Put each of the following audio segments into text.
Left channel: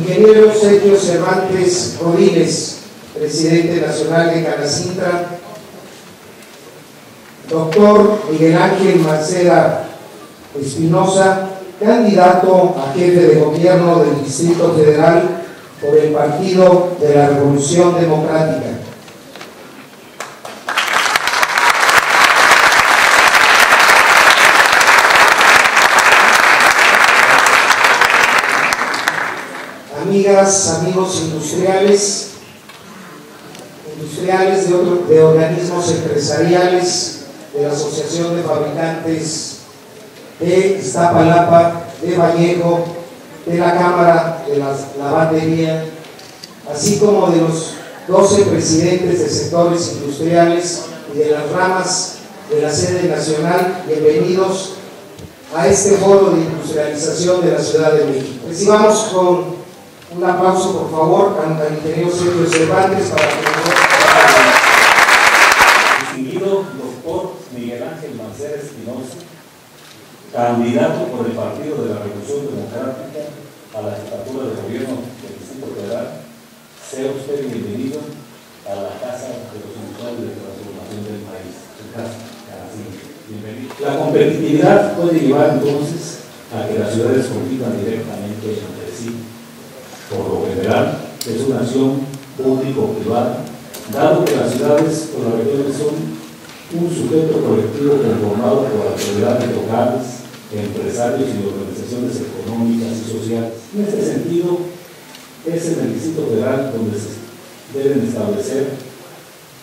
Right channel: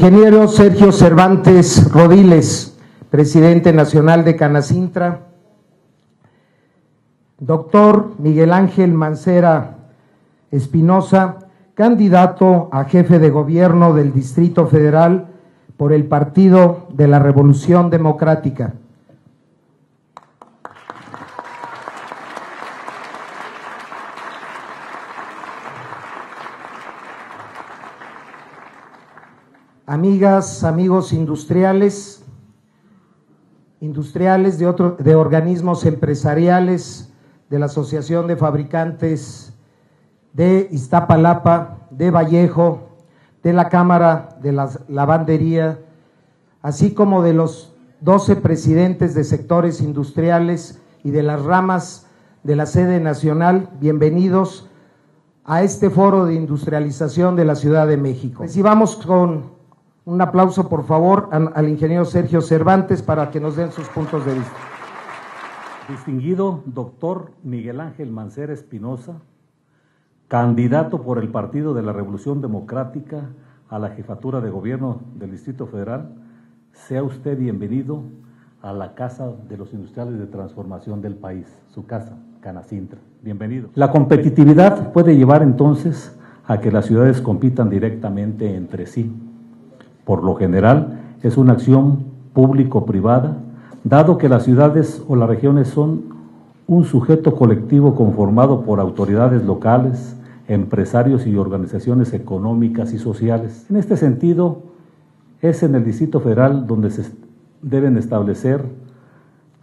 Ingeniero Sergio Cervantes Rodiles, presidente nacional de Canacintra. Doctor Miguel Ángel Mancera Espinosa, candidato a jefe de gobierno del Distrito Federal por el Partido de la Revolución Democrática. Amigas, amigos industriales de organismos empresariales, de la Asociación de Fabricantes de Iztapalapa, de Vallejo, de la Cámara de la Lavandería, así como de los 12 presidentes de sectores industriales y de las ramas de la sede nacional, bienvenidos a este foro de industrialización de la Ciudad de México. Recibamos con un aplauso, por favor, al ingeniero Sergio Cervantes para que nos dé un poco de... Distinguido doctor Miguel Ángel Mancera Espinosa, candidato por el Partido de la Revolución Democrática a la jefatura de gobierno del Distrito Federal, sea usted bienvenido a la Casa de los Sindicatos de Transformación del país, su casa, Canacintra. Bienvenido. La competitividad puede llevar entonces a que las ciudades compitan directamente entre sí. Por lo general, es una acción público-privada, dado que las ciudades o las regiones son un sujeto colectivo conformado por autoridades locales, empresarios y organizaciones económicas y sociales. En este sentido, es en el Distrito Federal donde se deben establecer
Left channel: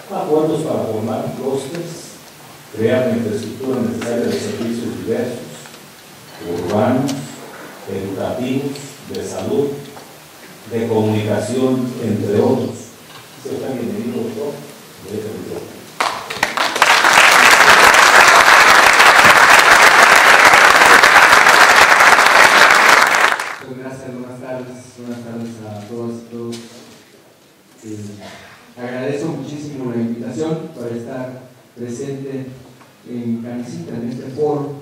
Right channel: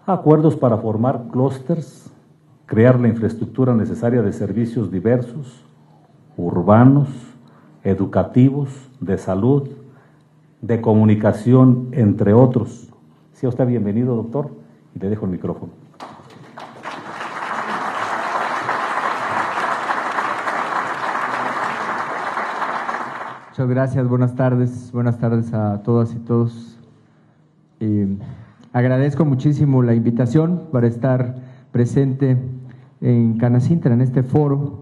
acuerdos para formar clústeres, crear la infraestructura necesaria de servicios diversos, urbanos, educativos, de salud, de comunicación, entre otros. Sea usted bienvenido, doctor. Le dejo el micrófono. Muchas gracias, buenas tardes a todas y todos. Agradezco muchísimo la invitación para estar presente en Canacintra, en este foro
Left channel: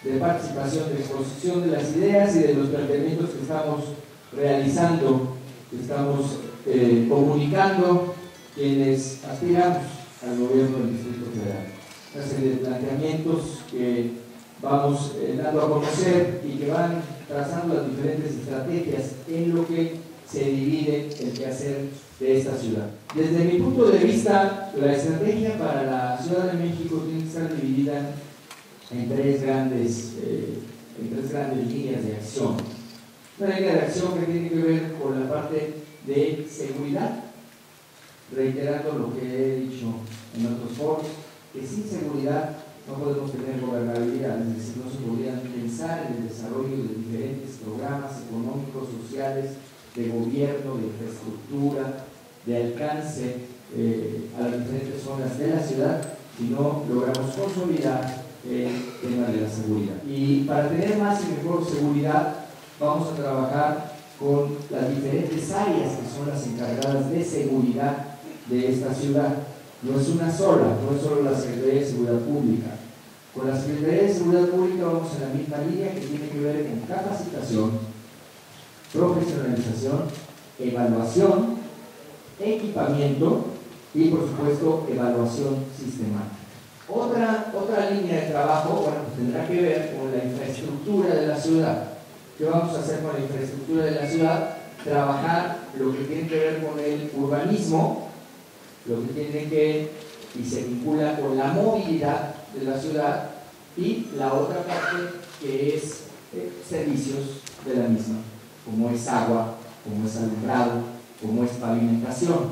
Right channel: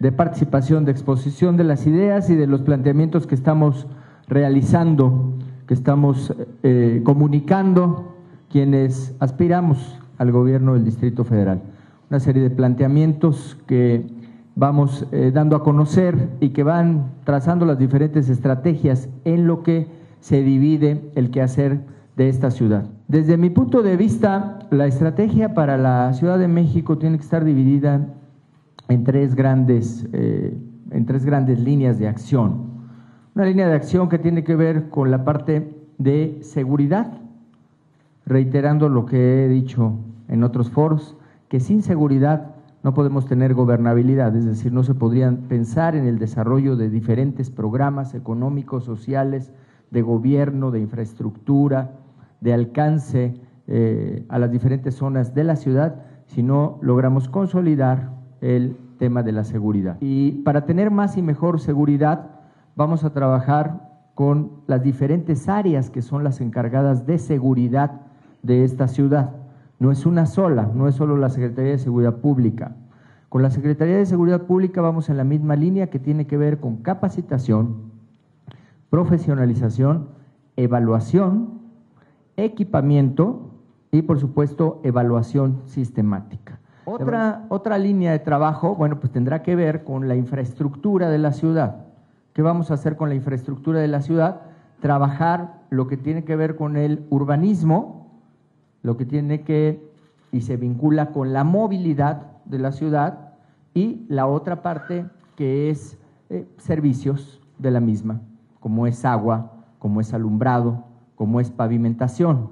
de participación, de exposición de las ideas y de los planteamientos que estamos realizando, que estamos comunicando quienes aspiramos al gobierno del Distrito Federal. Una serie de planteamientos que vamos dando a conocer y que van trazando las diferentes estrategias en lo que se divide el quehacer de esta ciudad. Desde mi punto de vista, la estrategia para la Ciudad de México tiene que estar dividida en tres grandes líneas de acción. Una línea de acción que tiene que ver con la parte de seguridad, reiterando lo que he dicho en otros foros, que sin seguridad no podemos tener gobernabilidad, es decir, no se podrían pensar en el desarrollo de diferentes programas económicos, sociales, de gobierno, de infraestructura, de alcance a las diferentes zonas de la ciudad, si no logramos consolidar el tema de la seguridad. Y para tener más y mejor seguridad, vamos a trabajar con las diferentes áreas que son las encargadas de seguridad de esta ciudad. No es una sola, no es solo la Secretaría de Seguridad Pública. Con la Secretaría de Seguridad Pública vamos en la misma línea que tiene que ver con capacitación, profesionalización, evaluación, equipamiento y, por supuesto, evaluación sistemática. Otra línea de trabajo, bueno, pues tendrá que ver con la infraestructura de la ciudad. ¿Qué vamos a hacer con la infraestructura de la ciudad? Trabajar lo que tiene que ver con el urbanismo, lo que tiene que y se vincula con la movilidad de la ciudad, y la otra parte que es servicios de la misma, como es agua, como es alumbrado, como es pavimentación.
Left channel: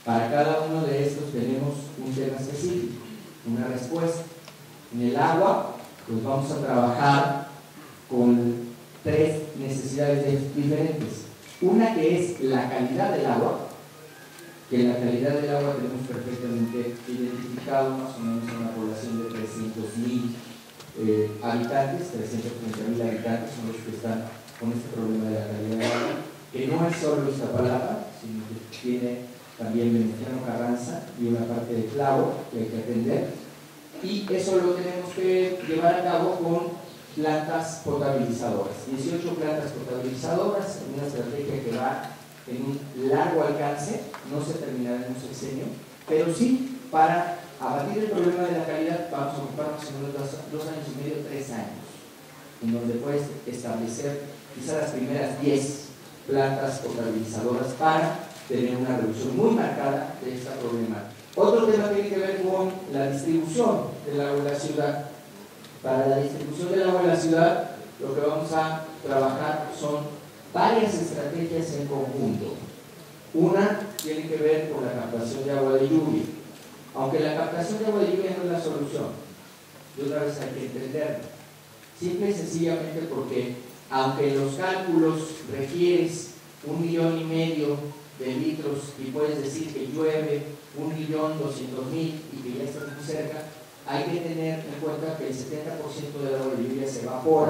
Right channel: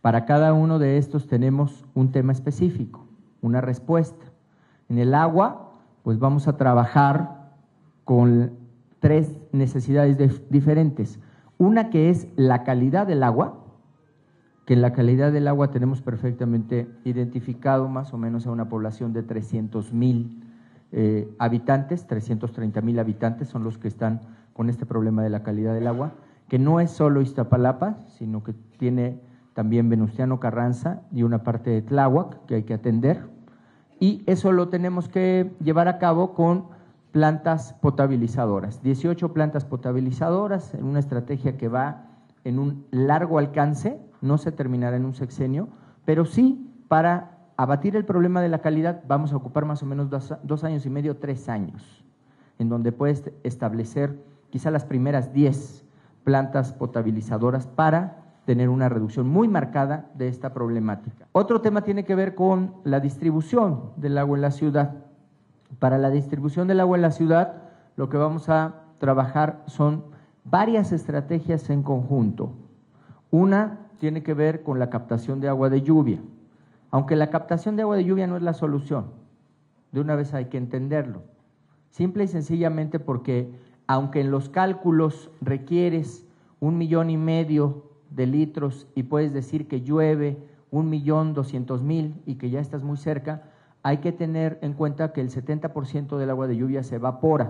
Para cada uno de estos tenemos un tema específico, una respuesta. En el agua, pues vamos a trabajar con tres necesidades diferentes. Una que es la calidad del agua, que en la calidad del agua tenemos perfectamente identificado más o menos a una población de 300,000 habitantes, 330,000 habitantes son los que están con este problema de la calidad del agua, que no es solo Iztapalapa, sino que tiene también Venustiano Carranza y una parte de Tláhuac que hay que atender, y eso lo tenemos que llevar a cabo con plantas potabilizadoras, 18 plantas potabilizadoras, en una estrategia que va en un largo alcance, no se terminará en un sexenio, pero sí para abatir el problema de la calidad vamos a ocupar más o menos 2 años y medio, 3 años, en donde puedes establecer quizá las primeras 10 plantas potabilizadoras para tener una reducción muy marcada de esta problemática. Otro tema tiene que ver con la distribución del agua en la ciudad. Para la distribución del agua en la ciudad, lo que vamos a trabajar son varias estrategias en conjunto. Una tiene que ver con la captación de agua de lluvia. Aunque la captación de agua de lluvia no es la solución, de una vez hay que entenderlo. Simple y sencillamente porque, aunque en los cálculos requieres 1,5 millones de litros y puedes decir que llueve 1,200,000 y que ya estás muy cerca, hay que tener en cuenta que el 70% del agua de lluvia se evapora.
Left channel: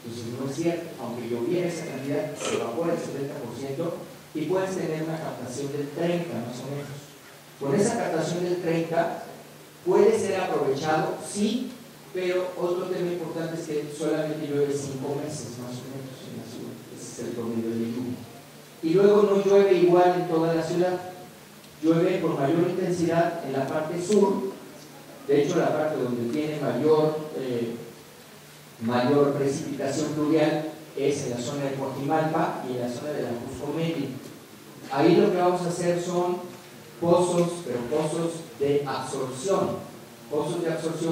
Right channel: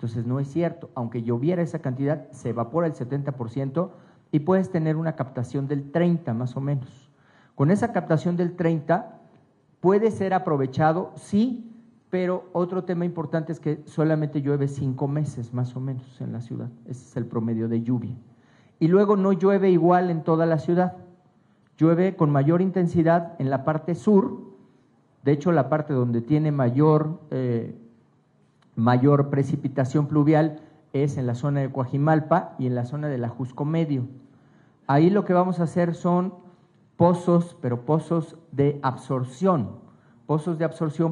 Entonces no es cierto, aunque lloviera esa cantidad, se evapora el 70% y puedes tener una captación del 30% más o menos. Con esa captación del 30% puede ser aprovechado, sí, pero otro tema importante es que solamente llueve 5 meses más o menos en la ciudad. Ese es el promedio de lluvia. Y luego no llueve igual en toda la ciudad. Llueve con mayor intensidad en la parte sur. De hecho, la parte donde tiene mayor precipitación pluvial es en la zona de Coajimalpa y en la zona de la Jusco Medio. Ahí lo que vamos a hacer son pozos, pero pozos de absorción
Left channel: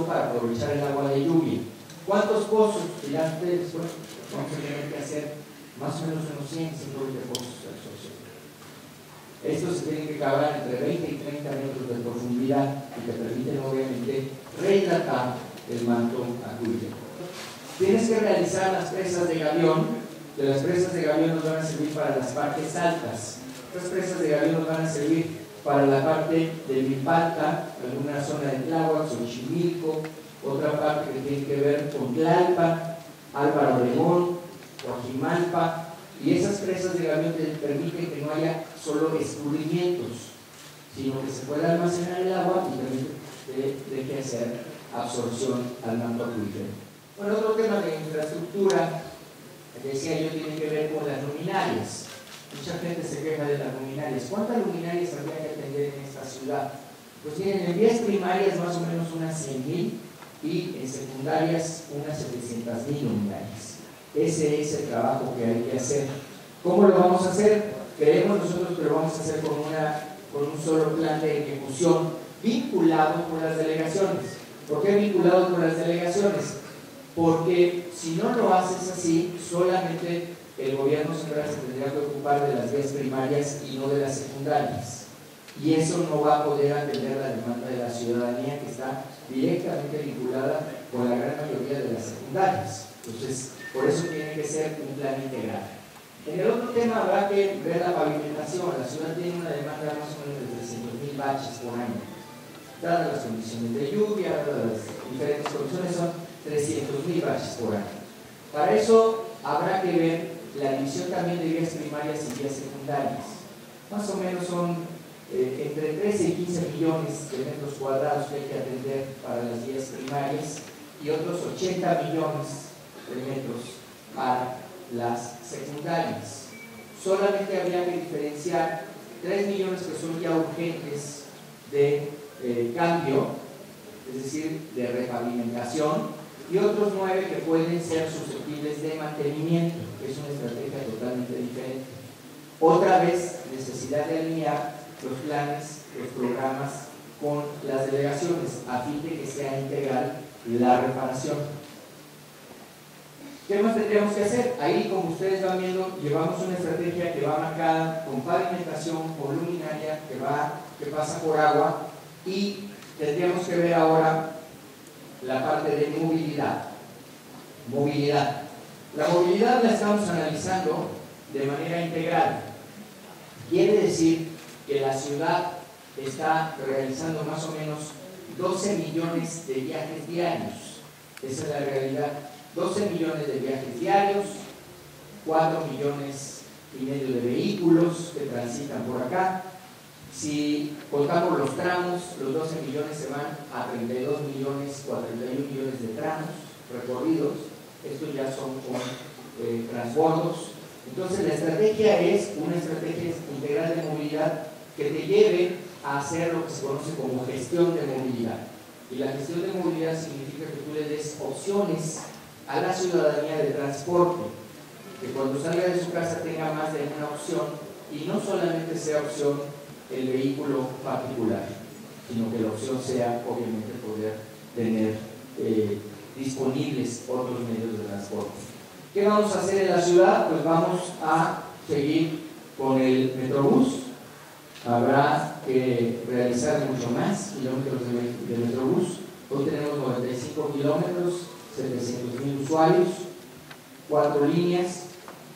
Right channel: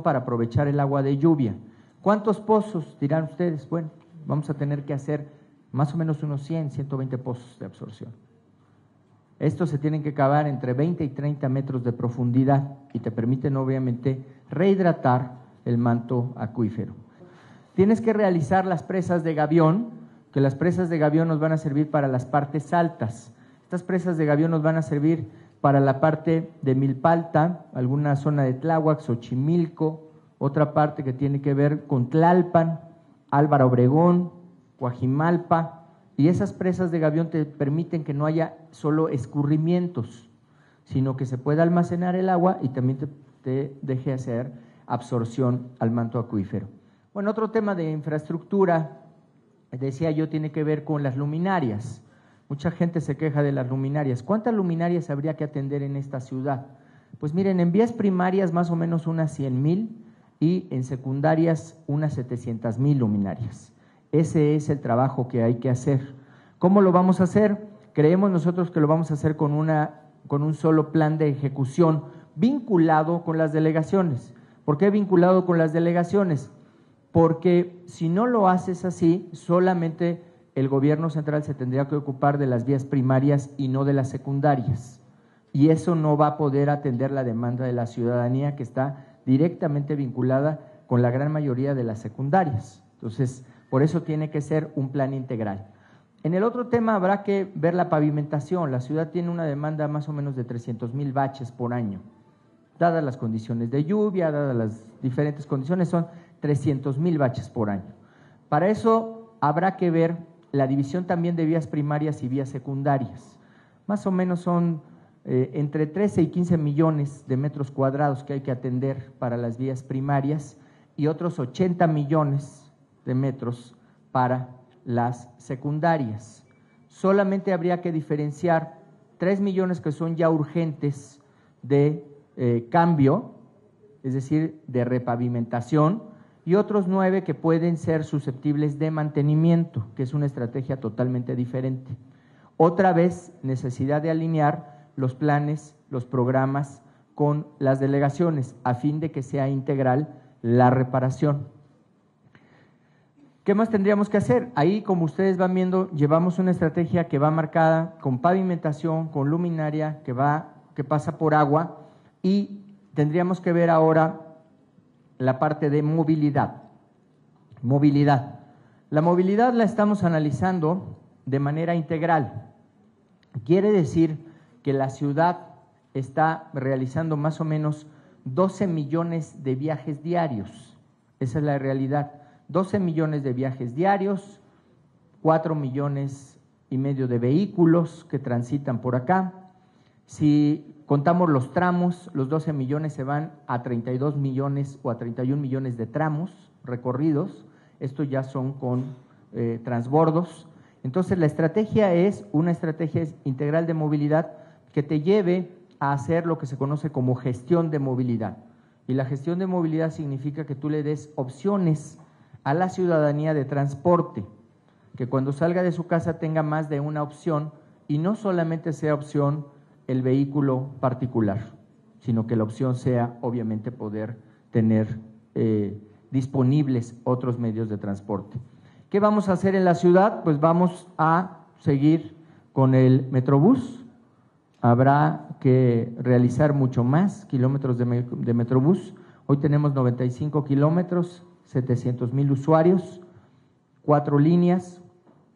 para aprovechar el agua de lluvia. ¿Cuántos pozos? Dirán ustedes, bueno, vamos a tener que hacer más o menos unos 100, 120 pozos de absorción. Estos se tienen que cavar entre 20 y 30 metros de profundidad y te permiten obviamente rehidratar el manto acuífero. Tienes que realizar las presas de gavión, que las presas de gavión nos van a servir para las partes altas. Estas presas de gavión nos van a servir para la parte de Milpalta, alguna zona de Tláhuac, Xochimilco, otra parte que tiene que ver con Tlalpan, Álvaro Obregón, Coajimalpa, y esas presas de gavión te permiten que no haya solo escurrimientos, sino que se pueda almacenar el agua y también te deje hacer absorción al manto acuífero. Bueno, otro tema de infraestructura, decía yo, tiene que ver con las luminarias. Mucha gente se queja de las luminarias. ¿Cuántas luminarias habría que atender en esta ciudad? Pues miren, en vías primarias más o menos unas 100,000 y en secundarias unas 700,000 luminarias. Ese es el trabajo que hay que hacer. ¿Cómo lo vamos a hacer? Creemos nosotros que lo vamos a hacer con un solo plan de ejecución vinculado con las delegaciones. ¿Por qué vinculado con las delegaciones? Porque si no lo haces así, solamente el gobierno central se tendría que ocupar de las vías primarias y no de las secundarias. Y eso no va a poder atender la demanda de la ciudadanía, que está directamente vinculada con la gran mayoría de las secundarias. Entonces, por eso tiene que ser un plan integral. En el otro tema habrá que ver la pavimentación. La ciudad tiene una demanda más o menos de 300,000 baches por año. Dadas las condiciones de lluvia, dadas las diferentes condiciones, son 300,000 baches por año. Para eso habrá que ver la división también de vías primarias y vías secundarias. Más o menos son entre 13 y 15 millones de metros cuadrados que hay que atender para las vías primarias y otros 80 millones de metros para las secundarias. Solamente habría que diferenciar 3 millones que son ya urgentes de cambio, es decir, de repavimentación, y otros 9 que pueden ser susceptibles de mantenimiento, que es una estrategia totalmente diferente. Otra vez, necesidad de alinear los planes, los programas con las delegaciones, a fin de que sea integral la reparación. ¿Qué más tendríamos que hacer? Ahí, como ustedes van viendo, llevamos una estrategia que va marcada con pavimentación, con luminaria, que pasa por agua, y tendríamos que ver ahora la parte de movilidad. Movilidad. La movilidad la estamos analizando de manera integral. Quiere decir que la ciudad está realizando más o menos 12 millones de viajes diarios. Esa es la realidad. 12 millones de viajes diarios, 4,5 millones de vehículos que transitan por acá. Si contamos los tramos, los 12 millones se van a 32 millones o a 31 millones de tramos recorridos. estos ya son con transbordos. Entonces la estrategia es una estrategia integral de movilidad que te lleve a hacer lo que se conoce como gestión de movilidad. Y la gestión de movilidad significa que tú le des opciones a la ciudadanía de transporte, que cuando salga de su casa tenga más de una opción y no solamente sea opción el vehículo particular, sino que la opción sea obviamente poder tener disponibles otros medios de transporte. ¿Qué vamos a hacer en la ciudad? Pues vamos a seguir con el Metrobús. Habrá que realizar mucho más kilómetros de Metrobús. Hoy tenemos 95 kilómetros, 700,000 usuarios, 4 líneas.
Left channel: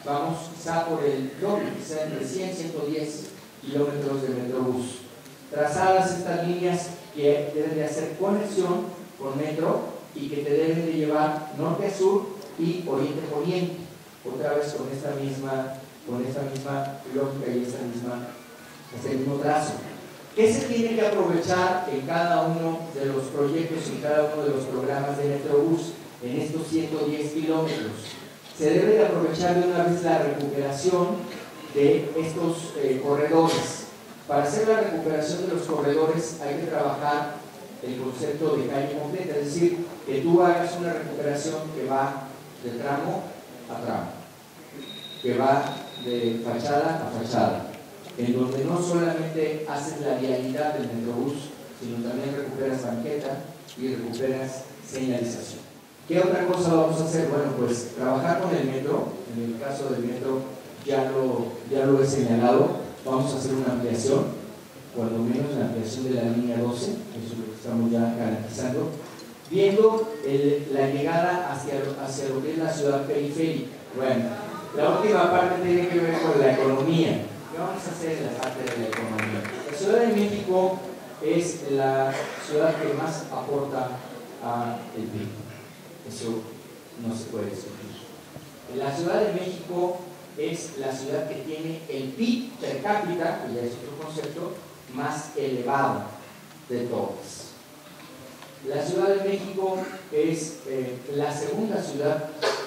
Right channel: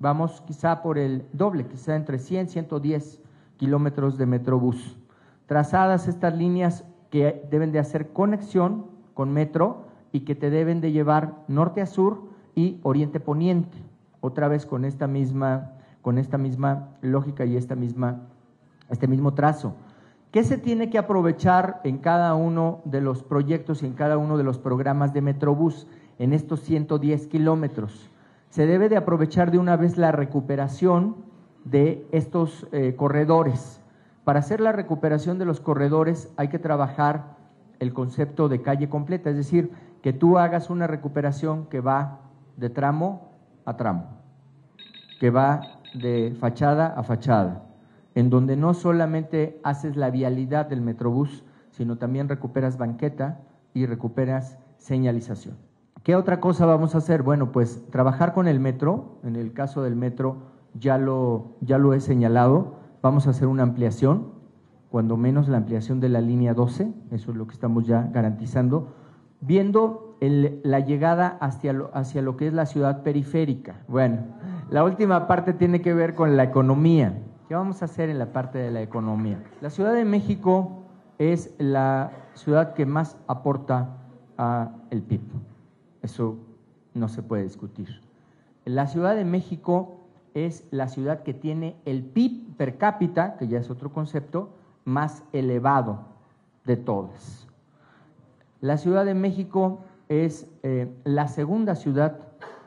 Vamos quizá por el doble, quizá entre 100 y 110 kilómetros de Metrobús. Trazadas estas líneas que deben de hacer conexión con metro y que te deben de llevar norte a sur y oriente poniente, otra vez con esta misma lógica y este mismo trazo. ¿Qué se tiene que aprovechar en cada uno de los proyectos, en cada uno de los programas de Metrobús en estos 110 kilómetros? Se debe de aprovechar de una vez la recuperación de estos corredores. Para hacer la recuperación de los corredores hay que trabajar el concepto de calle completa, es decir, que tú hagas una recuperación que va de tramo a tramo, que va de fachada a fachada, en donde no solamente haces la vialidad del Metrobús, sino también recuperas banqueta y recuperas señalización. ¿Qué otra cosa vamos a hacer? Bueno, pues trabajar con el metro. En el caso del metro ya lo he señalado. Vamos a hacer una ampliación, cuando menos la ampliación de la línea 12, eso es lo que estamos ya garantizando, viendo la llegada hacia lo que es la ciudad periférica. Bueno, la última parte tiene que ver con la economía. ¿Qué vamos a hacer en la parte de la economía? La Ciudad de México es la ciudad que más aporta al PIB. Eso no se puede discutir. La Ciudad de México es la ciudad que tiene el PIB per cápita, que ya es otro concepto, más elevado de todas. La Ciudad de México es la segunda ciudad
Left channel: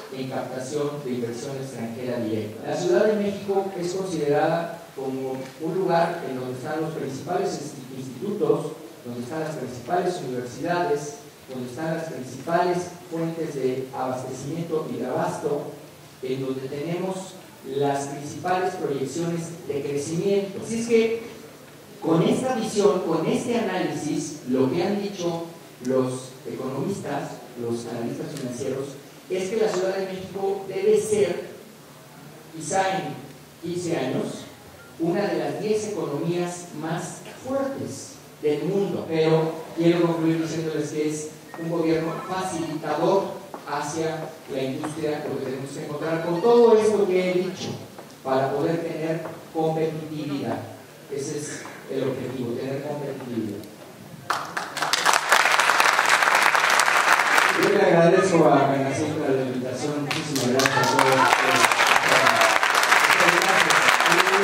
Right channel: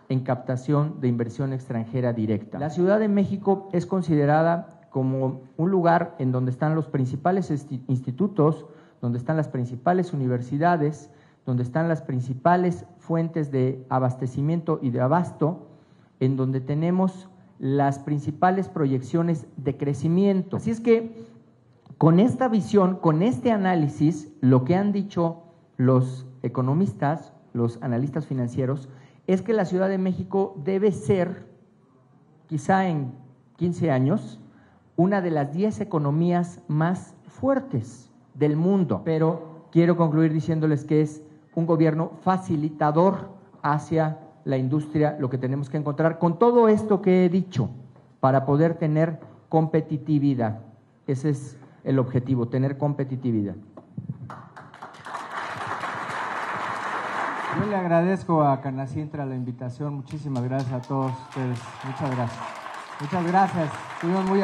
en captación de inversión extranjera directa. La Ciudad de México es considerada como un lugar en donde están los principales institutos, donde están las principales universidades, donde están las principales fuentes de abastecimiento y de abasto, en donde tenemos las principales proyecciones de crecimiento. Así es que con esta visión, con este análisis, lo que han dicho los economistas, los analistas financieros, es que la Ciudad de México debe ser, quizá en 15 años, una de las 10 economías más fuertes del mundo. Pero quiero concluir diciéndoles que es un gobierno facilitador hacia la industria, lo que tenemos que encontrar con todo esto que he dicho, para poder tener competitividad. Ese es el objetivo, tener competitividad. Yo le agradezco a Canacíntara la invitación. Muchísimas gracias a todos. Muchas gracias.